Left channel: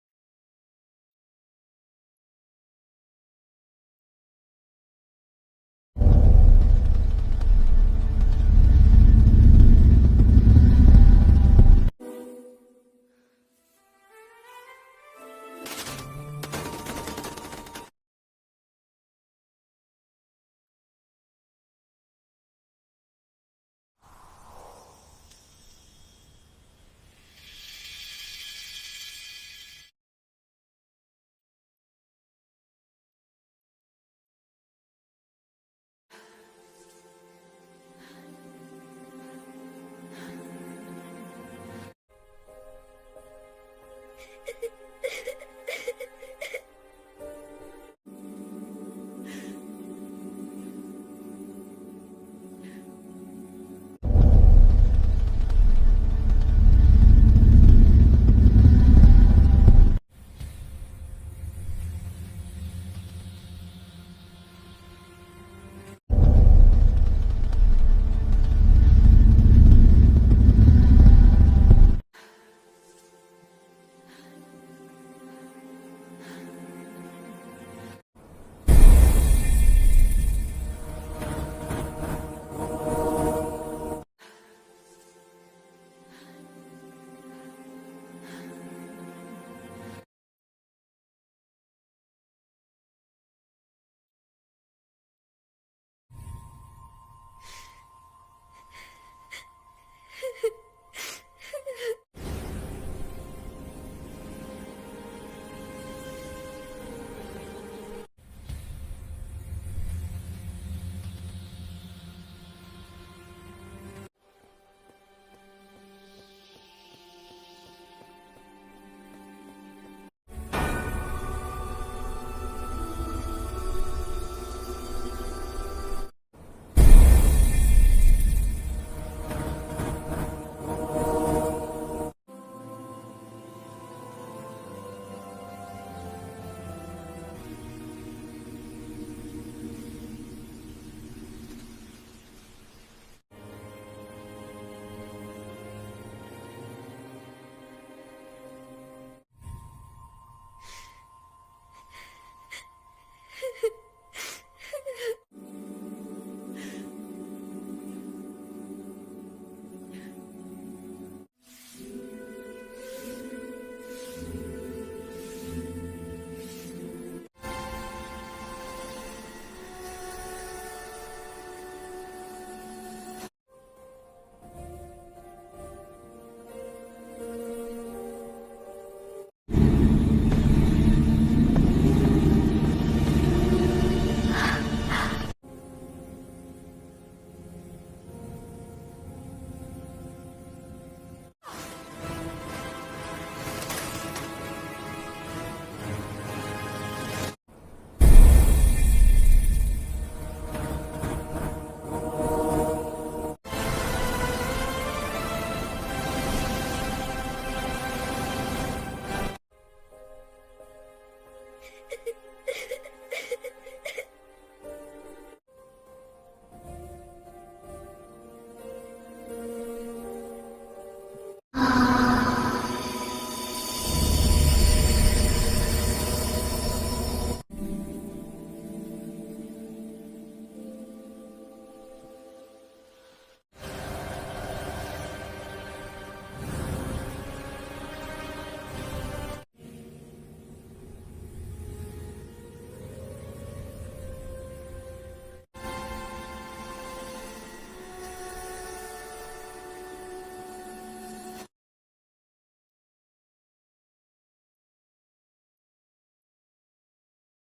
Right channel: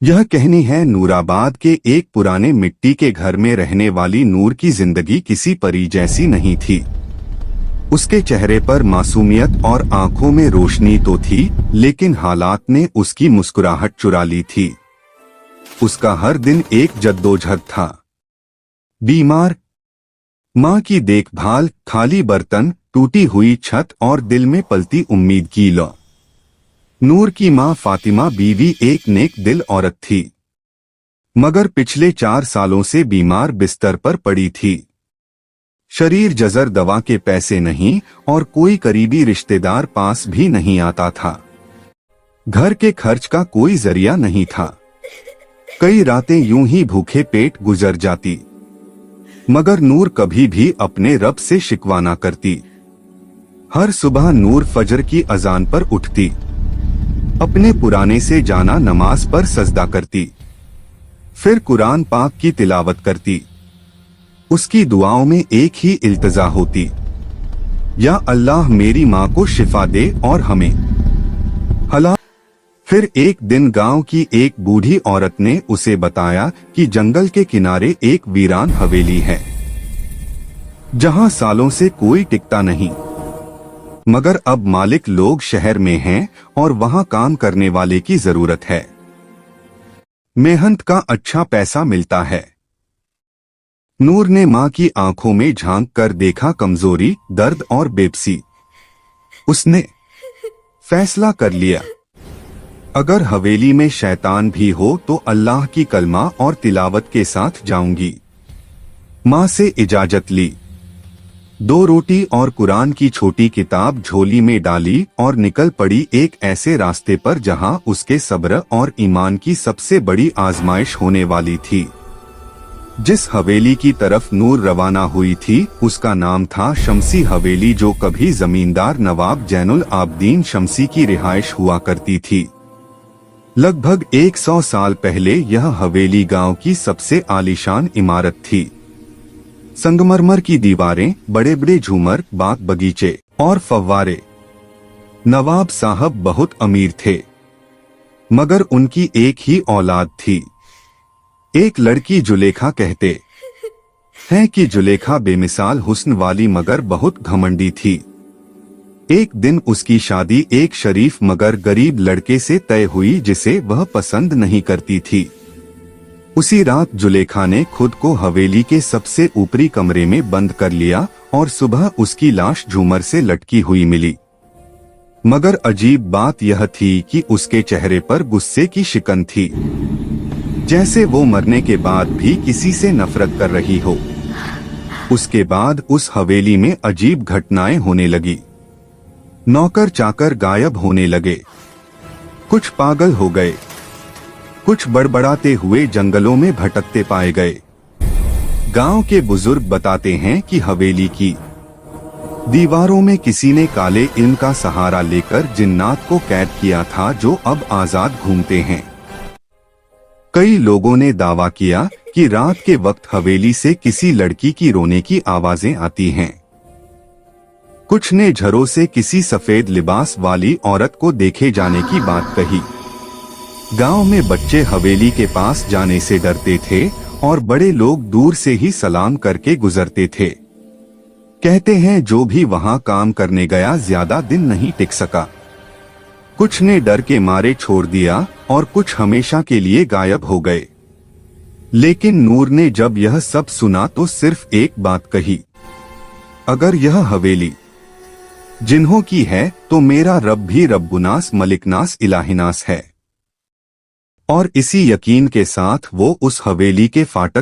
यह कहानी है नूराबाद के एक पुराने मिट्टी के घर में रहने वाली नूर की जिंदगी किसी परी जैसी नहीं थी। उसके चेहरे पर मासूमियत और आंखों में रोशनी तो थी, लेकिन हालात ने उसकी मुस्कुराहट चुरा ली थी। उसका हर दिन एक जद्दोजहद था। बीमार माँ की देखभाल, खाली बर्तन, टूटी हुई छत और दिल में पलती उम्मीद की लौ। नूर की माँ फातिमा बीवी एक नेक दिल औरत थी, मगर पिछले 4 सालों से बीमार बिस्तर पर पड़ी थी। शरीर जजर, दवा के पैसे नहीं और कोई करीबी रिश्तेदार पास भी नहीं आता था। घर के खर्च का कोई जरिया नहीं था। कई रातें यूं ही भूखे पेट गुजर जाती, मगर नूर कभी भी अपने रब से शिकवा ना करती। हर सुबह नूर फजर की अजान पर उठती, अपने पुराने से जाना नमाज पर सजदा करती, फिर कुरान पाक की तिलावत करती। उसकी दुआओं में एक ही इल्तिजा होती, या अल्लाह मेरी माँ को शिफा दे और हमें हला। फिर एक दिन गांव की एक बूढ़ी औरत ने उसे बताया कि जंगल के किनारे एक वीरान हवेली है, जहां सालों से कोई टिकता नहीं, मगर अब मालिक लोग शहर में हैं और वहां काम करने वाले की जरूरत है। मेहनत का अच्छा पैसा मिलता है। नूर ने माँ की आंखों में झांक कर देखा कमजोरी, दर्द और बेबसी। उसने फैसला कर लिया, अगर हवेली में शैतान भी हो तो अल्लाह की कलमा और तिलावत के साथ जाऊंगी। माँ से इजाजत ली, 2 रोटी और कुरान की छोटी किताब झोली में डाली और निकल पड़ी एक ऐसे रास्ते पर जहां उसके सब्र और ईमान की सबसे बड़ी आजमाइश होने वाली थी। जिस हवेली की तरफ नूर रवाना हुई थी उसका नाम था शमसी हवेली, जो कभी जमींदार नवाब जैनुल आबदीन शमसी की रिहाइश हुआ करती थी। लगभग 100 साल पहले यह हवेली गांव की सबसे आलीशान इमारत थी। संगमरमर की दीवारें, बड़े बड़े झूमर, बाग बगीचे और फव्वारे। नवाब साहब बहुत अमीर थे, मगर उनकी एक ही औलाद थी। एक लड़की जुलेखा। कहते हैं कि जुलेखा बेमिसाल हुस्न वाली मगर बहुत घमंडी थी। एक दिन उसकी शादी एक शरीफ मगर गरीब लड़के से तय हुई जिसे वह पसंद नहीं करती थी। उसी रात जुलेखा ने खुद को हवेली के सबसे ऊपरी कमरे में बंद कर लिया और सुबह उसकी लाश झूमर से लटकी हुई मिली। मगर अजीब बात यह थी कि उसके चेहरे पर गुस्से की शिकन थी, जैसे वो मरने के बाद भी किसी से नफरत कर रही हो। उसके बाद उस हवेली में अजीब घटनाएं होने लगी। नौकर चाकर गायब होने लगे, कुछ पागल हो गए, कुछ बड़बड़ाते हुए जंगलों में भटकते पाए गए। गांव के बुजुर्ग बताते हैं कि हवेली की दीवारों में किसी ने काले इल्म का सहारा लेकर जिन्नात को कैद किया था, जो अब आजाद घूमते हैं। कई लोगों ने दावा किया कि रात के वक्त हवेली से किसी लड़की की रोने की आवाजें आती हैं। कुछ ने झरों से किसी सफेद लिबास वाली औरत को देखे जाने की बात कही। गांव में बच्चे हवेली के पास जाने से डरते थे और बड़े लोग दूर से ही सलाम करके गुजरते थे। कहते हैं जो भी वहां काम करने गया ज्यादा दिन नहीं टिक सका। कुछ ने डर के मारे छोड़ दिया और कुछ हमेशा के लिए गायब हो गए। लेकिन नूर ने जब यह सब सुना तो सिर्फ एक बात कही, अगर यह हवेली जिन्हों की है तो मेरा रब भी रब्बुनास मलिकनास इलाहिनास है। और इसी यकीन के साथ वो उस हवेली के फाटक